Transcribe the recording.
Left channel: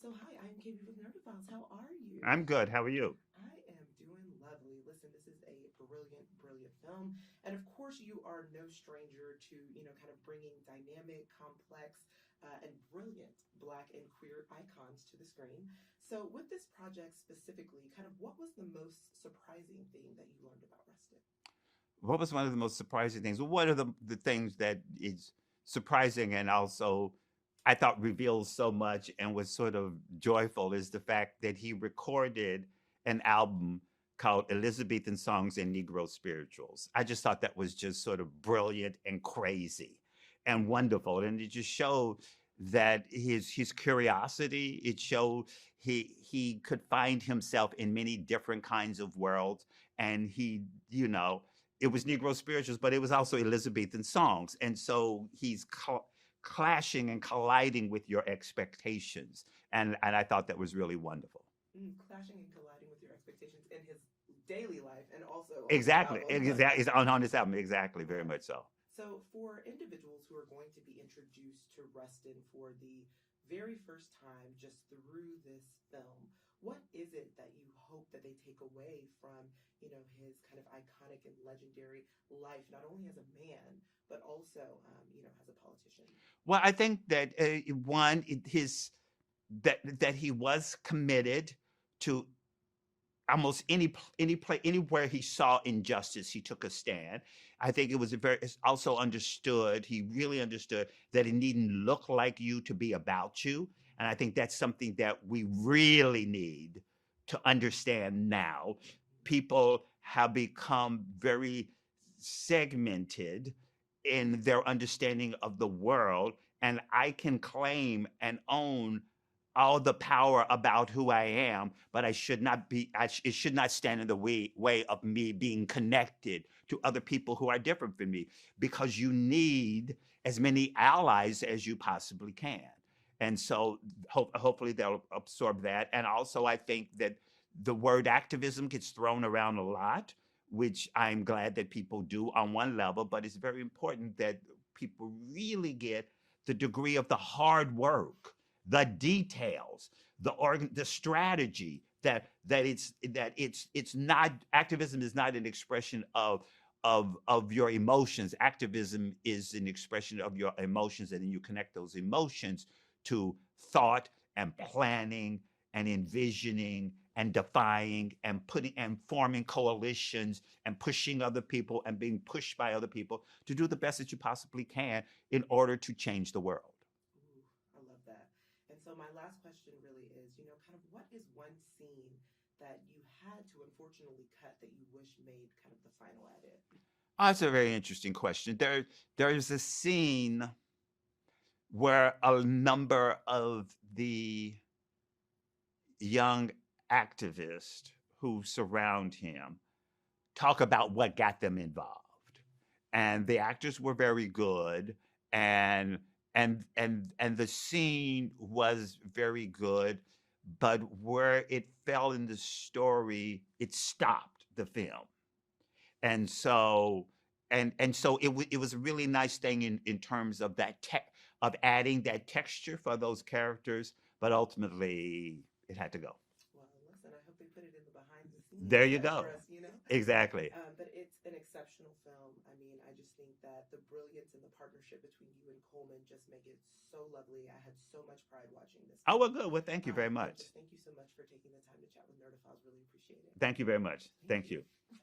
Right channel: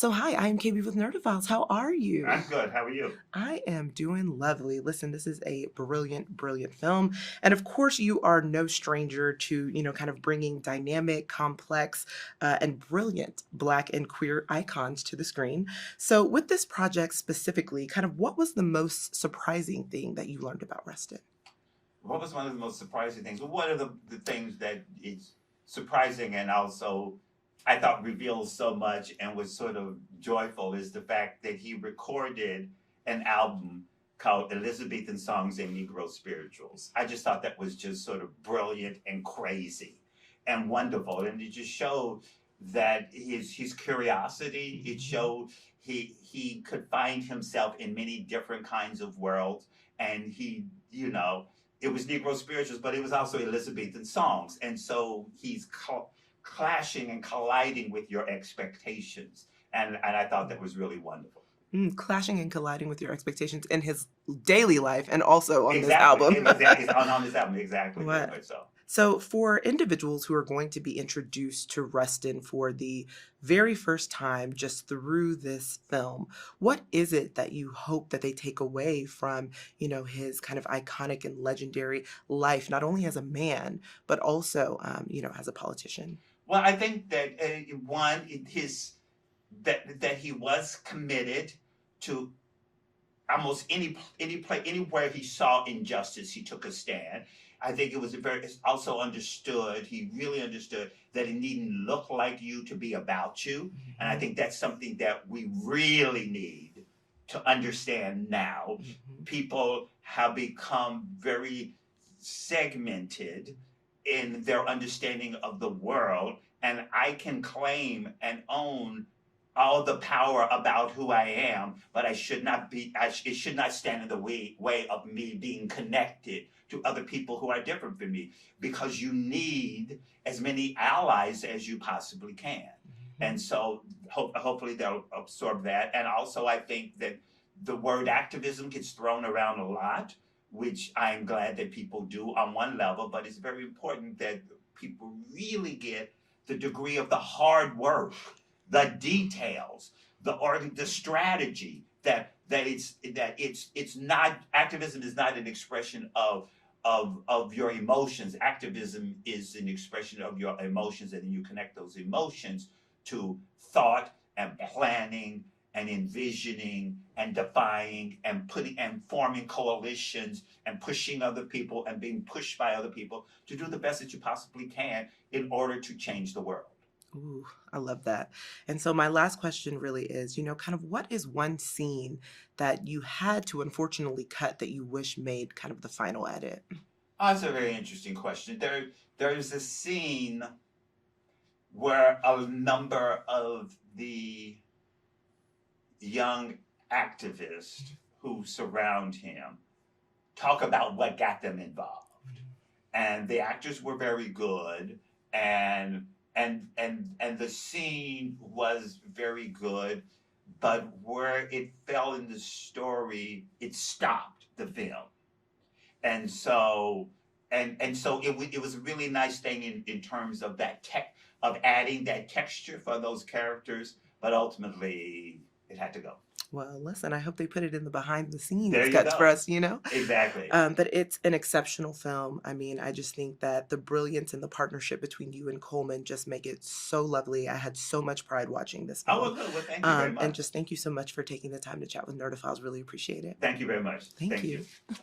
So, hi, I'm KB with Nerdophiles. How are you? I'm good. How are you? I am doing lovely. Listen, this is a brilliant, brilliant film. And of course, you are no stranger to, kind of bringing dynamic, complex, and brilliant Black and queer icons to the screen. So, with this project specifically, kind of what was the most surprising thing that you learned about Rustin? What was one of the most surprising things? Well, one of the things that is surprising and also I thought reveals so much and was sort of joyful is the fact that he recorded an album called Elizabethan Songs and Negro Spirituals. I just thought that was just sort of brilliant and crazy and wonderful. And it just showed that his curiosity, it showed he could find himself in many different kinds of worlds. And it was Negro spirituals, but it was also Elizabethan songs. And so he's clashing and colliding with your expectations. And I thought that was really wonderful. Clashing and colliding with your expectations in his daily life and also on this Exactly. album. Exactly. On this album. Exactly. Very What? much so. So, for individuals who are going to be introduced to Rustin for the very first time just through this film, what is it that you hope that they take away from, his kind of iconic and legendary life, not only as a man, but also, as a politician? Well, I think that one, his that he was committed to almost any play anywhere he saw injustice, he took a stand. I think it's also understood. He really understood that it needn't look like you to be about you, and I think that's something that we really need to understand now. Mhm. People have become very segmented in their understanding of the world, and I can claim and own all the power about who I am, but I should not be. It should not stand in the way of me being connected to other people who are different from me, because you need as many allies as you possibly can. And so, hopefully, they'll absorb that. And also, I think that the word activism gets thrown around a lot, which I'm glad that people do on one level, but it's very important that people really get the degree of the hard work, the details, the strategy that it's not activism is not an expression of your emotions. Activism is an expression of your emotions, and then you connect those emotions to thought and planning and envisioning and defying and putting and forming coalitions and pushing other people and being pushed by other people to do the best that you possibly can in order to change the world. Ooh, I love that. And so my last question really is, kind of what is one scene that you had to unfortunately cut that you wish made kind of the final edit? Oh, that's a very interesting question. There is a scene where a number of the young activists who surround him talk about what got them involved. And the actors were very good, and and the scene was very good, but where it fell in the story, it stopped the film. And so it was a really nice thing in terms of that tech of adding that texture for those characters, but ultimately it had to go. Well, listen, I hope they put it in the behind the scenes There you cuts for go. us. Exactly. But it's an exceptional film. I mean, I just think that the brilliance and the partnership between you and Coleman just make it so lovely. I had so much pride watching this Oh, well, film. good. Well, thank you very And much. just thank you so much for taking the time to chat with Nerdophiles. Really appreciate it. Thank you very much. Thank Thank you. you.